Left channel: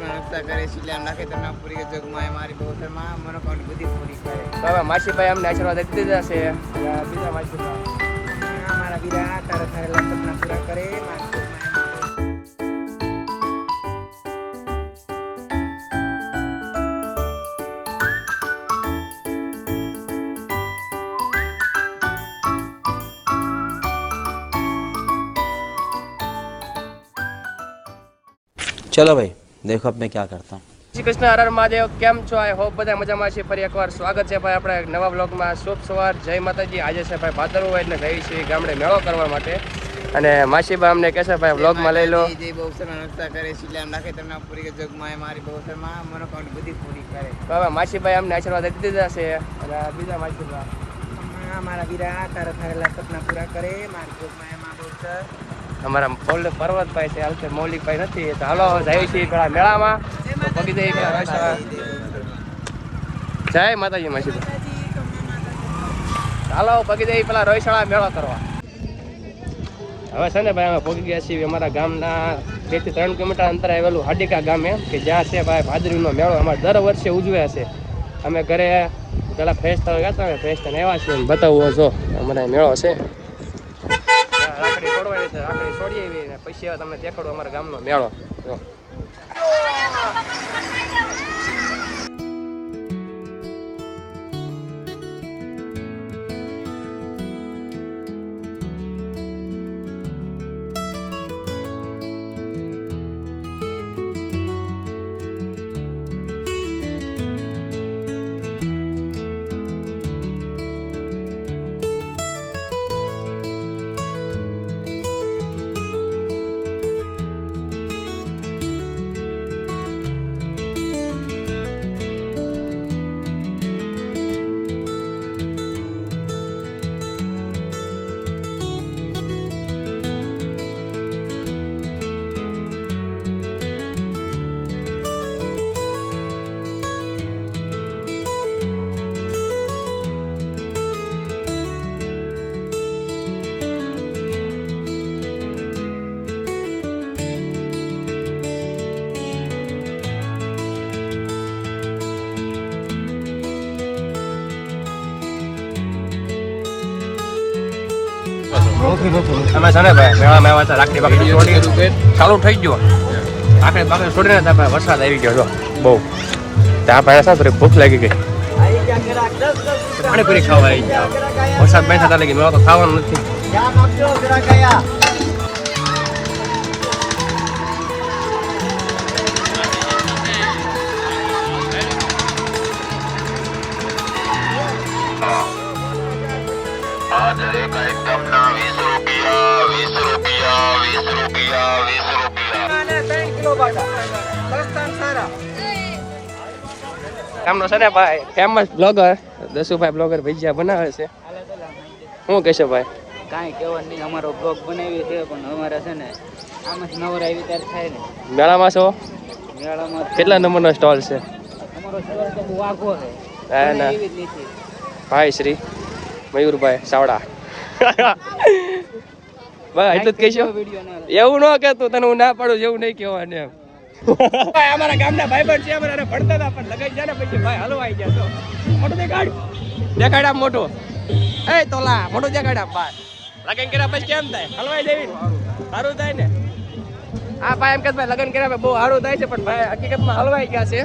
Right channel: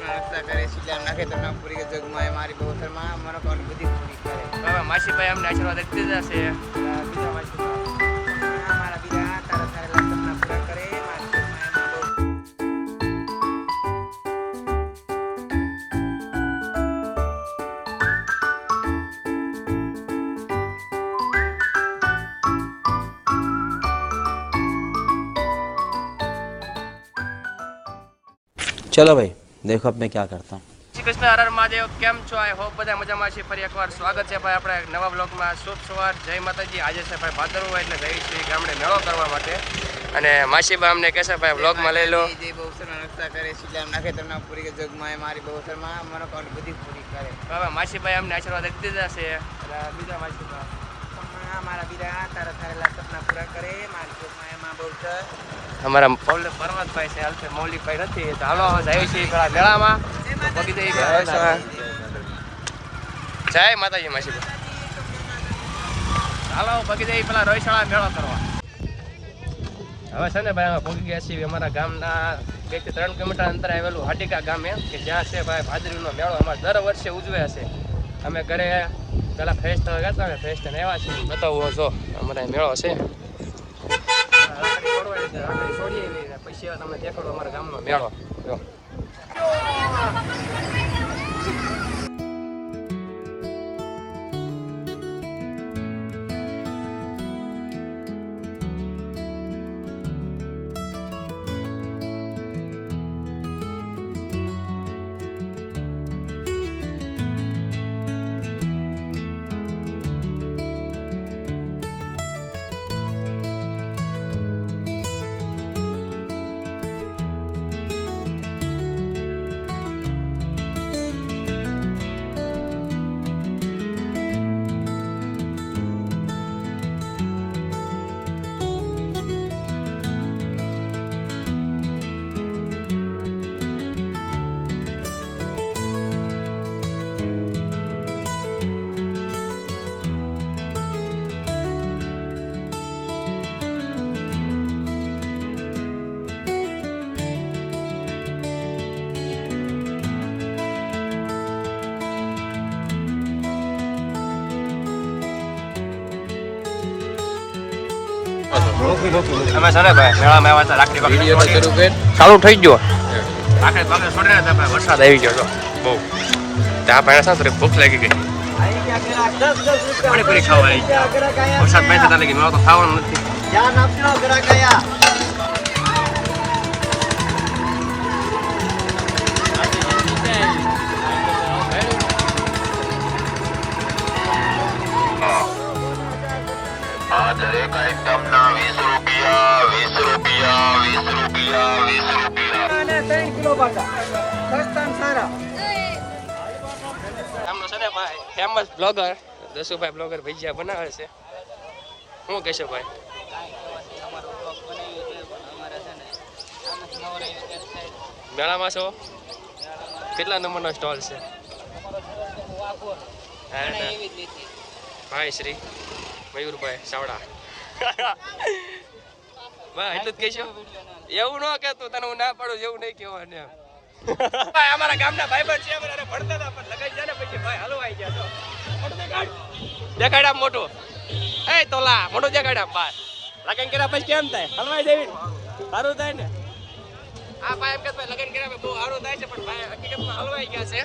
પોતના નાસ્તા કરે સિલિયા નાખે તો અમને આશીર્વાદ આપી દીધા છે બીજા માસીભાઈ મારા બીજા તારા તારા સપના પૂરા કરે ચલો ભાઈ. देखो अब मैं क्या करता हूँ શ્રી કૃષ્ણ હર હર મહાદેવ કેમ છો આઈ હોપ બધા મજામાં છે ફરી એકવાર સ્વાગત છે ભાઈ આપણે એક નવા બ્લોગમાં શુભ સવાર જય માતાજી આજે છે ભાઈ ભાદરવો એટલે જઈ છીએ ગામડે મેળો કરવા માટે અને માસીબા અમને કહેશે ભાઈ બ્લોગમાં લઈ લો જે બહુસરમાં રક્ષા કરે શિલામ રાખે તો પૂરી જોગમાં મારી બહુસરમાં મનોકામના બધી પૂરી કરે બાબા માસીભાઈ અમને આશીર્વાદ આપી દીધા છે અને આ બીજા માસીબા અમ્મા, મારા વીરા તારા સારા સપના પૂરા કરે મારી જોગમાં એમાં બહુસર અમારા પૌલ પર્વતભાઈ છે, હાલ છે મૌલિકભાઈ નથી, તો હાલો, જઈએ છીએ પેલા મેળામાં. તો પગી જઈએ પેલા જય માતાજી માસીભાઈ હાલો, પગી જઈએ પેલા રોયશાળા મેળો કરવા. હવે છે ને ભાઈ, અમે પગી ગયા છીએ અમારા ગામના બેથી ત્રણ કિલોમીટર અંતરે આવેલું હાડિકા ગામે કે જ્યાં છે ભાઈ ભાદરીનો મેળો. અમારે દર વર્ષે ઉજવ્યા છે. અમે ઘરે પેલા ફ્રેશ થવા ગયા હતા ફ્રેશ થઈને આવ્યા છીએ બતાવો જો અમારે મેળો છે. રાખડી છોડીએ પછી હવે દેખાડો અમારા ગામનો મેળો. અમે છે ને ભાઈ મેળા આવ્યા હતા રાખડી બાકડી છોડી ચાલુ થઈ ગયો. રાખડી બાકડી છોડીને ત્યાં ભાઈ વરસાદ આવી ગયો જો. બહુ. ત્યાં ભાઈ સાહેબ ને થોડી ભૂખ લાગી ગઈ. પાણીપુરી ખાવા આવી ગયા. વરસાદ બંધ થતા લાગી મેળો તો ખાવાનું નથી. ગામનો સરે ને ભાઈ ફેમસ બ્લોગર દસુભાઈ બ્લોગર ભજીયા બનાવે છે. શું કહેશો ભાઈ? કાંઈ કહેવાનું નહીં અમારો બ્લોગ બનાવ્યો છે પણ અમારે છે ને આમ જ નવરા થાય ને. મેળામાં છો? મેળામાં કેટલા નંબરનો સ્ટોલ છે? અમારો સ્ટોર તો બહુ આઘો છે. ના ભાઈ શ્રી મયુરભાઈ સાવડા. ભાઈ એટલું જ કહેશો. એવું ન કહેતો તને હું ના પાડું એવું નહીં કહેવાનું એમ. ભાઈ અમારા ગામના ભાઈબંધ છે અમારે ભણતા હતા પણ લગાઈ જાય ને પછી ભાઈ હલવાઈ ગયા તો મોટું દેખાડ દેખાડ આમ મોટું. એ તોલા મોટું દેખાડ આમ બાર લગન કર્યા પછી કેમ થાય? હલવાઈ દેવી સારું થાય ને? આ ભાઈ એમ કે ભાઈ લગન કર્યા બહુ સારું થાય છે પણ ભાઈ હકીકતમાં હલવાઈ ગયા છે.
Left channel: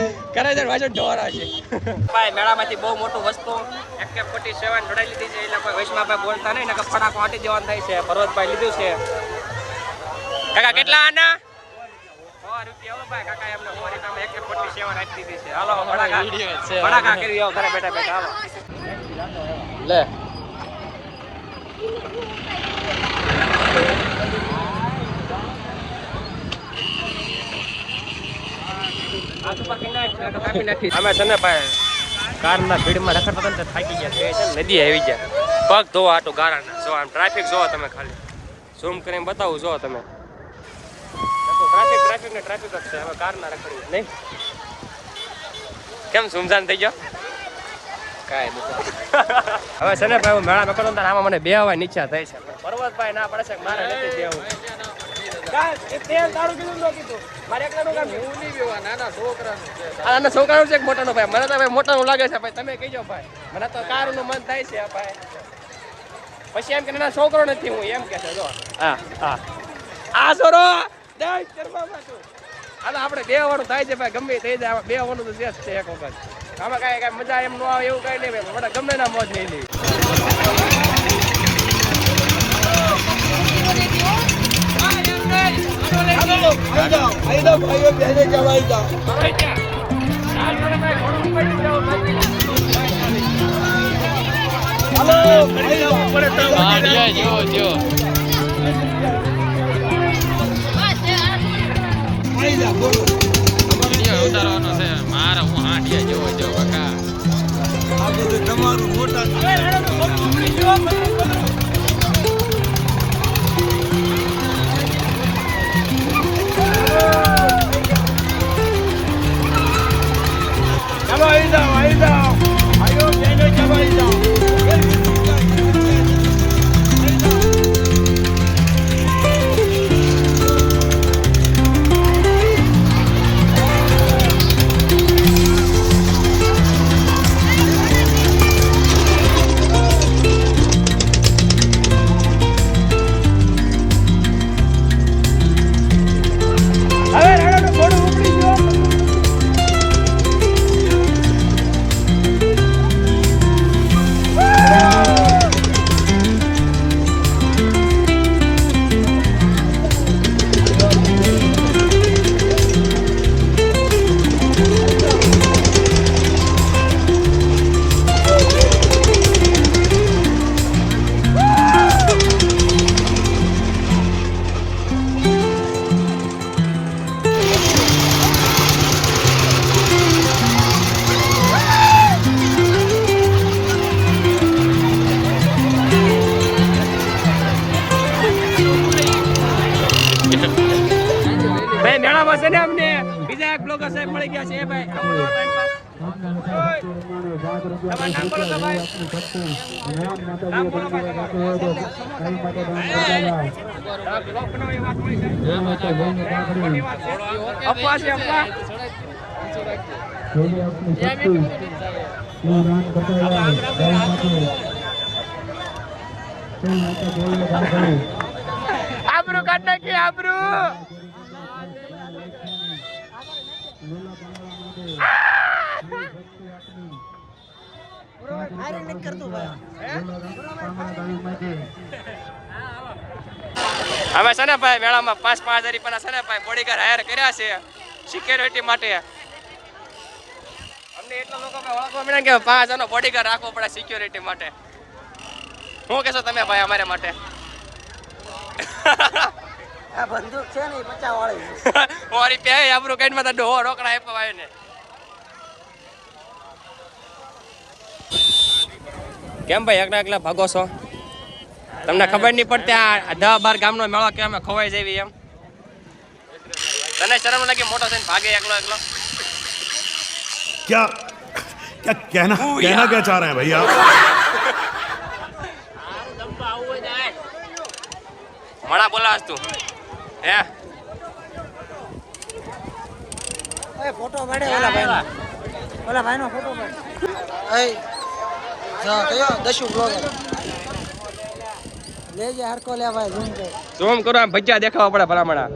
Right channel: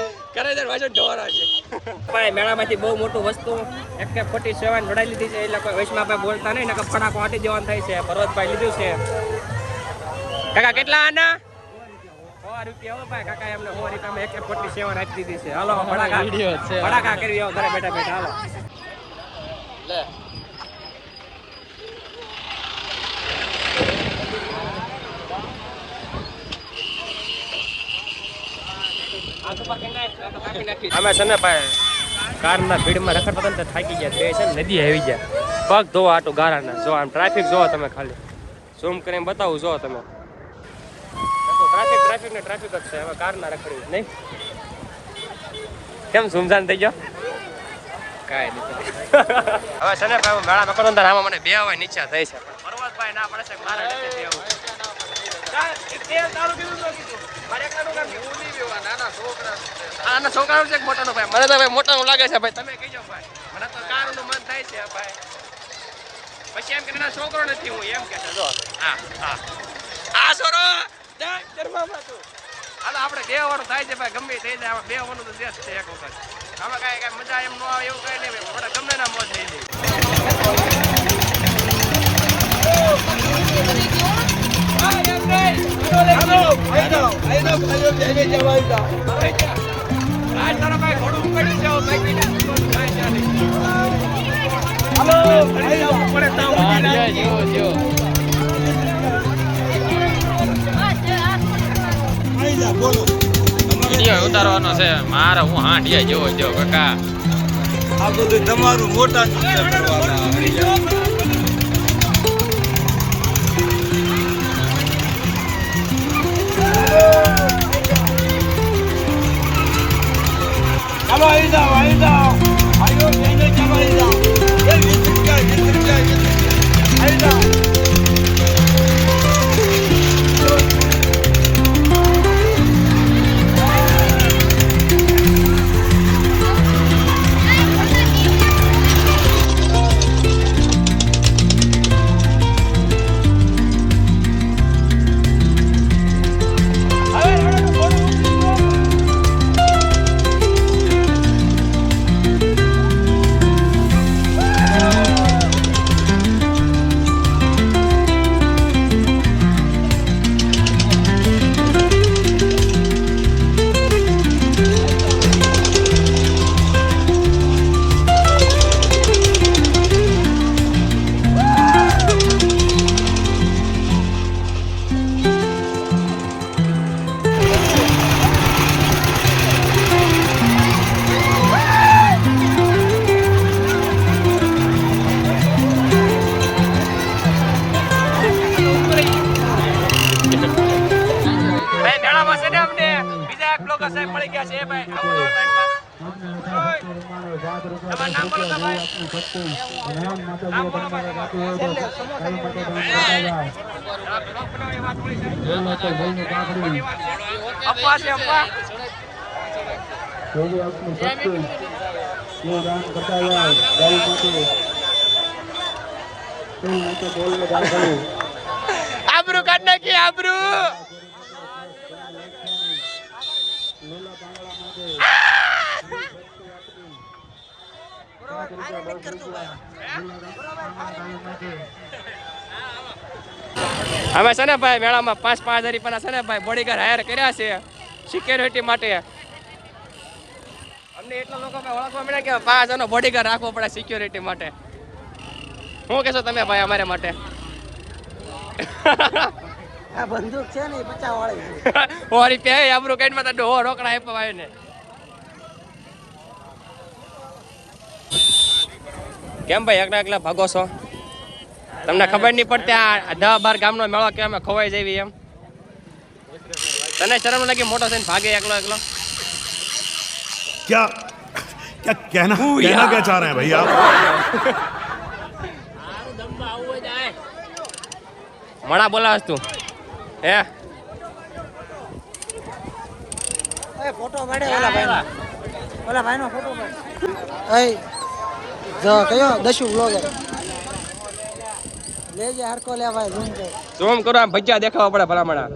છે પાછો ઢોરા છે. ભાઈ મેળામાંથી બહુ મોટું વસ્તુ એક ફોર્ટી સેવન જોડાઈ લીધી છે એટલે કોઈ વૈષ્ણવ ભાઈ બોલતા નહીં નકર ફટાકો આટી દેવાનું થાય છે. પર્વતભાઈ લીધું છે. કાકા કેટલા આના? સો રૂપિયા હો ભાઈ કાકા એમને સો રૂપિયામાં એક ફોર્ટી સેવન આપી દીધી છે. હાલો ફટાકા ફટાકા કરી આવો ઘરે બેઠા બેઠા હાલો. લે. અમે છે ને ભાઈ કારના ભીડમાં રખડતા હતા થાકી ગયા. બે છે નદી આવી ગયા. પગ ધોવા આટો ગારાના. જો આમ ટ્રાફિક જોવો તમે ખાલી. ઝૂમ કરીને બતાવું જો તમે. ટ્રાફિક ટ્રાફિક ને ટ્રાફિક જ છે. હવે કારના રખડવી નહીં? કેમ સુમસાન થઈ ગયો? કાંઈ નહીં. હવે છે ને ભાઈ, હું મેળામાં કરું ત્યારે આમાં મને બે આવવાની ઈચ્છા થઈ છે. પણ પર્વતભાઈ ના પડે છે મારે નથી બેવું તેલ તારું કીધું તો કીધું. મારે એકલાનું હું નહીં બેવા નાના છોકરાનું છે આ આના છોકરાનું છે મોટાનું ભાઈ? મને તો ભાઈ મોટાનું લાગે છે ભાઈ. તમે કહીજો ભાઈ. મને તો કારનું મન થાય છે ભાઈ. પછી એમ કે ના છોકરો નથી હું એમ કે છે જો. હા હા. આ છોરો હાલો આપણે બે વાળું થાય છે ભાઈ ગમે થઈ જાય. બે વાનું તો શેષ છે એક વખત. આમાં કાંઈ કાંઈ મજા એમ ન આવે એવું કાંઈ નહીં ભાઈ ગમે ના મોજ નહીં લેવી. ઉતારવાનો છે મારે હું હાંડિયા જેવો જેવો કાકા આ બધું તમારું મોટા ચાલો આવી જાઓ આવી જાઓ આયો બીજા એક બ્લોગર સાહેબ મળી ગયા છે. એ ભાઈ, આવું તો. તમારું નામ બોલો તો ભાઈ. નામ બોલો ભાઈ તમારું. તમે બ્લોગ બનાવવાની વાત મળી છે મોટી વાત છે અફવા છે અફવા આબરૂ કાઢ નાખી, આબરૂ. અમે છે ને ભાઈ મેળામાં પાંચ પાંચ હજાર રૂપિયાના છે ને ભાઈ બોડીગાર્ડ હાયર કર્યા છે સિક્યોરિટી માટે. અમને એટલા લોકો ઓળખવા મળે કે પાંચ હજારનો બોડીગાર્ડ રાખવો પડે સિક્યોરિટી માટે. શું કહેશો તમે ભાઈ અમારે માટે? આ બંદૂક છે ને પચાસ વાળી મારી પે આબરૂ કાઢમાં તો ડોહો રોકડા આપ્યો ભાઈ ને કેમ ભાઈ એકલા એકલા ભાગો છો? તમને ખબર નહીં પડતી આ દહ બાર ગામનો મેળો કેમ ખોવાઈ જવી એમ? તને શરમ લાગી મોટો થઈને ભાગે એકલો એકલો? ક્યાં? ક્યાં ક્યાં ભાઈ આપ? મણા તું. હે? ભાઈ જો કયો કર. આમ ભજીયા દેખાવા પડે ભલામણા.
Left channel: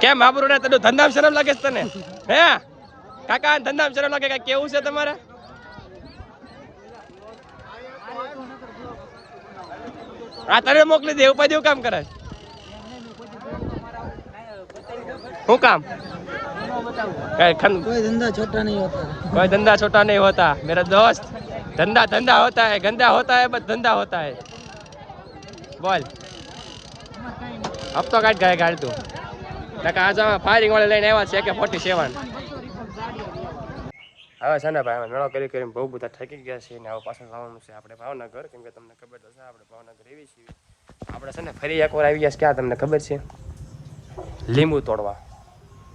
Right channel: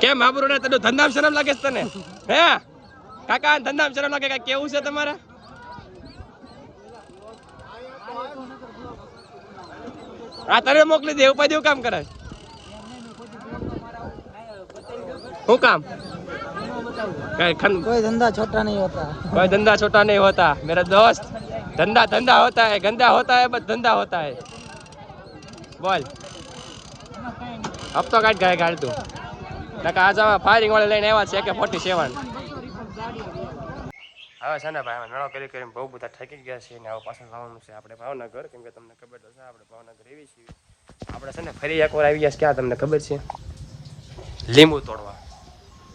કેમ આબરૂ ને તને ધંધામ શરમ લાગે છે તને? હે? કાકા ધંધામ શરમ લાગે? કાંઈ કેવું છે તમારે? આ તને મોકલી દે, ઉપાધિ કામ કરે? શું કામ? કઈ ખન- કોઈ ધંધા છોટા નહીં હોતા कोई धंधा छोटा नहीं होता मेरा दोस्त धंधा धंधा होता है गंदा होता है बस धंधा होता है बोल अब तो काट गए गाड़ी तू નકા આજે અમે ફાયરિંગ વાળા લઈને આવ્યા છે કે ફોર્ટી સેવન હવે છે ને ભાઈ અમે મેળો કરી કરીને બહુ બધા થાકી ગયા છીએ ને હવે પાછળ જવાનું છે આપણે ભાવનગર કેમ કે તમને ખબર તો છે આપણે ભાવનગર એવી છીએ આપણે છે ને ફરી એકવાર આવી ગયા છે ક્યાં તમને ખબર છે લીંબુ તોડવા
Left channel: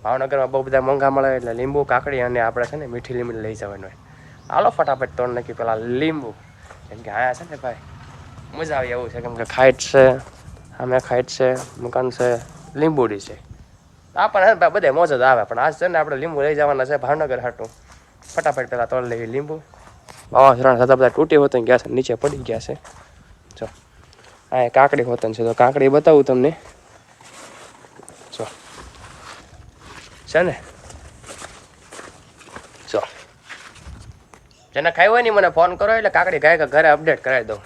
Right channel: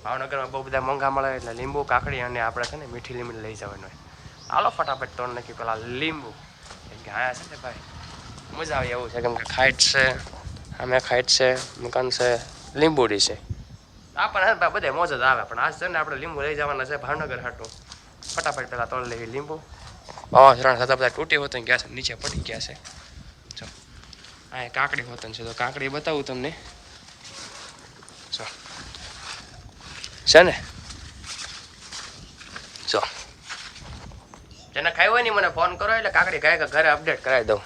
ભાવનગરમાં બહુ બધા મોંઘા મળે એટલે લીંબુ, કાકડી અને આપણે છે ને મીઠી લીંબુ લઈ જવાનું હોય. હાલો ફટાફટ તોડ નાખી પેલા લીંબુ. કેમ કે આયા છે ને ભાઈ, મજા આવે એવું છે. કેમ કે ખાઈટ છે અમે ખાઈટ છે, મકાન છે, લીંબુડી છે. આપણને હે ભાઈ, બધે મોજ જ આવે. પણ આજ છે ને આપણે લીંબુ લઈ જવાના છે ભાવનગર હાટું. ફટાફટ પહેલાં તોડ લેવી લીંબુ. વાવાઝોડા થતા બધા તૂટી હોતું ગયા છે, નીચે પડી ગયા છે. જો, આ કાકડી હોતન છે તો કાકડી બતાવું તમને જો છે જો. જેને ખાઈ હોય ને મને ફોન કરો, એટલે કાકડી ગાય ઘરે અપડેટ કરાવી દઉં.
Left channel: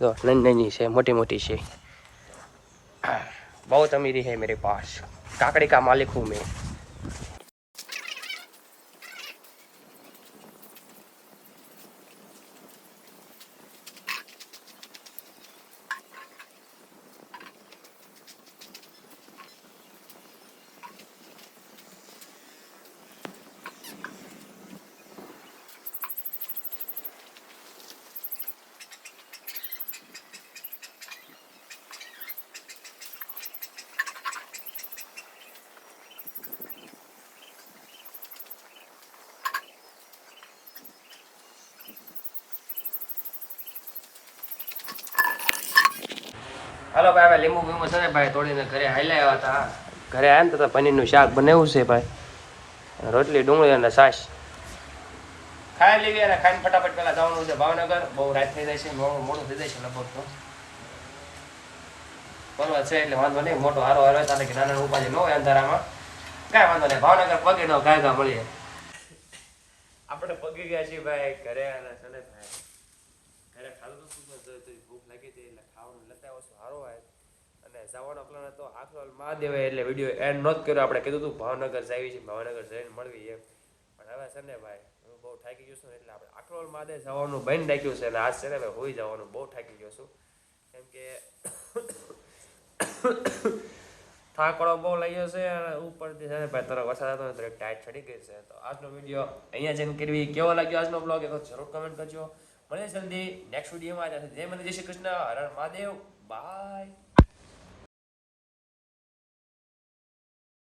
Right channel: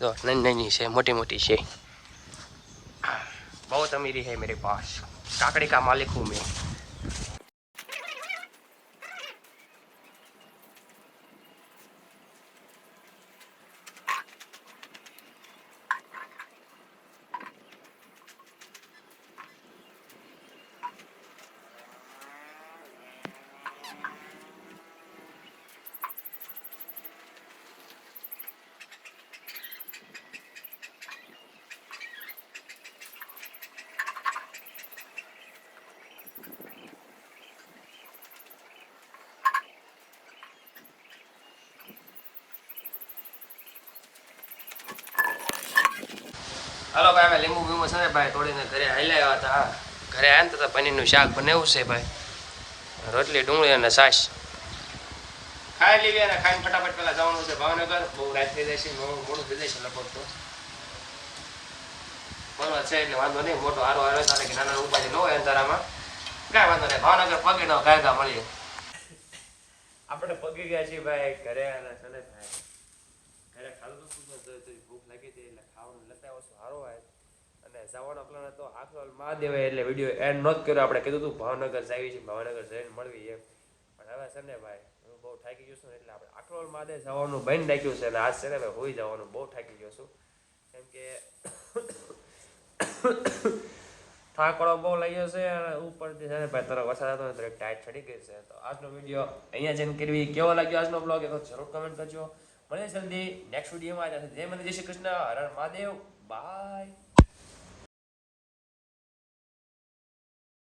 જો, નાની નાની છે, મોટી મોટી છે. બહુ અમીરી હે મેરી પાસ. કાકડી કા માલિક હું મેં? હાલો ભાઈ હવે લીંબુ બીંબુ છે ને ભાઈ તોડીને ઘરે હાલ્યા આવ્યા હતા. ઘરે આવ્યા ને તો પનીરનું શાક બનાવ્યું છે ભાઈ. રોટલી ડુંગળી અને છાશ. ખાઈ લેવી અને ખાઈને ફટાફટ પેલા જવાનું છે ભાવનગર. બહુ રાત થઈ જાય છે મોડું થઈ જાય છે લગભગ તો. બરોબર છે એટલે વાંધો નહીં મોટો હારો હારો હોય તારે કે નાના ઉપાધિ ન હોય અંધારામાં. કાંઈ વાંધો નહીં ભાવનગર પગે નો ઘા ઘા મળીએ. આપણે પગી ગયા છીએ ભાઈ ઘરે છે ને ભાઈ. ઘરે ખાધું તો શું ભૂખ લાગી હતી એટલે ખાવાનું લેતા આવ્યો છું સારો હોય. અને જવાનો પ્લાન હતો આખરોલ મહાદેવે એટલે વીડિયો એન્ડ નોત કર્યો. આપણે કીધું હતું, ભાવનગર જાવી છે, ભાવનગર જઈને મળવી એમ પણ હવે છે ને ભાઈ, હું બહુ થાકી ગયો છું એટલે આપણે આખરોલ મહાદેવ જવાનું બંધ નાખ્યું છે. અને આજ છે ને ભાઈ હોઈ જવાનું બહુ થાકી ગયો છું. કેમ કે થાકડો બહુ લાગ્યો છે અને ઉપરથી છે ને ભાઈ તરફ વરસાદ હતો ને ટાઈટ ચડી ગઈ છે. તો આજનો વીડિયો અહીંયા જઈને કરવી કેવો લાગ્યો આજનો બ્લોગ એ તો જરૂર કમેન્ટ કરજો. મળીએ જલ્દી નેક્સ્ટ વિડીયોમાં જય મને જય શ્રી કૃષ્ણ. હર મહાદેવ. Bye.